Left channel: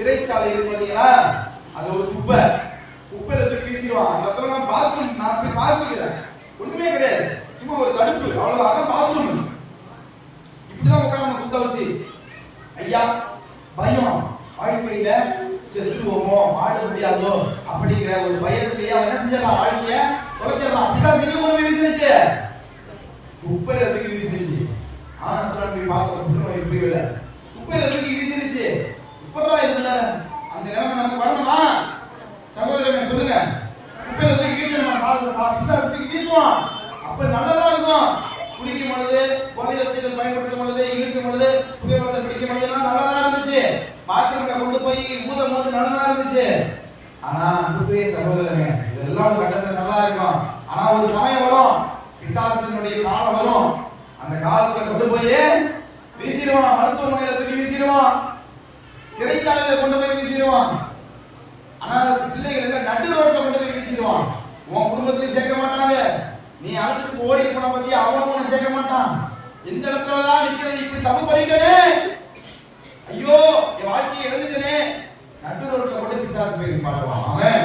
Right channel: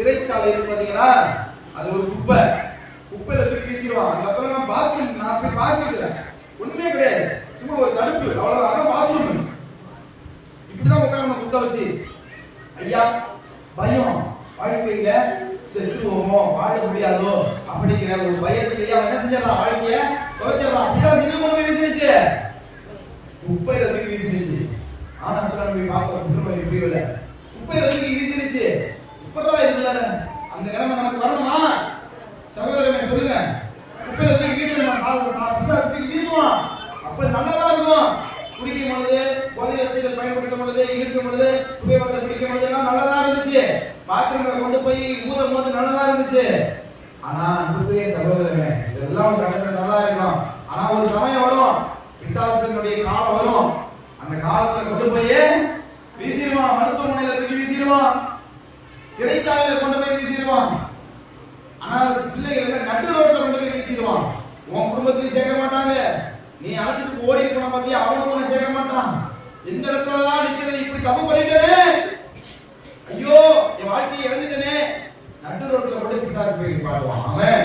சிறைச்சாலை இருக்கு பாத்தீங்களா, அது ஒரு குப்பை. குப்பையில தூக்கி வீசிடுவான். அந்த இடத்துல நான் பாத்ரூம் நான் போய் பார்த்துக்கிறேன், ஒண்ணுமே கிடையாது, சும்மா ஒரு தடுப்பு, அவ்வளவுதான் பாத்ரூம். இப்படிதான் உட்காந்து குப்பை வச்சு, ஐயா பயம், வாழ்க்கையில செத்துவோமோ வாழ முடியாதோ அப்படிங்கிற ஒரு பயத்திலேயே அவன் என்ன செஞ்சான், வாழ்க்கைய தோச்சிடலாம். அப்படிதான் செய்ய முடியும். வீசிடுச்சு, குப்பையில தூக்கி வீசிடுச்சு. ஆனா சொல்ல பார்க்க எப்படி இல்லை, குப்பையில தூக்கி வீசிடுச்சு. இப்பதான் இதுல அந்த நிலைமை நமக்கு வரணுமா? சகோதரனை சொல்லுங்க, குப்பையில தூக்கி வீசணும், வீசுவான். அப்ப நல்லதா இருக்கும். குடிக்கும் பொழுது, போதை வசதிகள் பயன்படுத்தும் பொழுது, இருக்கும் பொழுது, குப்பையை பிடிக்கும் பொழுது எல்லாம் நல்லதா இருந்துச்சு. பாத்திரங்களை கொண்டு போய் ஊதும் போது நல்லதா இருந்துச்சு. ஆனா அன்புக்குரிய சகோதரனே, இதெல்லாம் ஒரு கட்டத்துல நல்லா இருக்கும். ஆனா ஒரு சமயம் வரும், பிசாசினுடைய காலம் வரும். அந்த காலத்துல கொண்டு போய் வீசிடுவான், மருத்துவமனையில தூக்கி வீசிடுவான், சிறைச்சாலையில கொண்டு போய் வீசிடுவான். ஆனா பிள்ளைகள் நடு ரோட்ல கொண்டு போய் வீசிடுவான். உன் குடும்பத்திலையும் சேர்க்க மாட்டாங்க. நீ அழைச்சிட்டு ஓடி போன பத்தி அவனும் உன்னை சேர்க்க மாட்டான். எந்த இடத்துலதான் நிக்கிறது, இப்படி தப்பு பண்ணிட்டனே, ஐயோ என் வாழ்க்கையை இழந்துட்டனே, நடு ரோட்ல கொண்டு பிசாசு போய் பாடுவான் அவன்.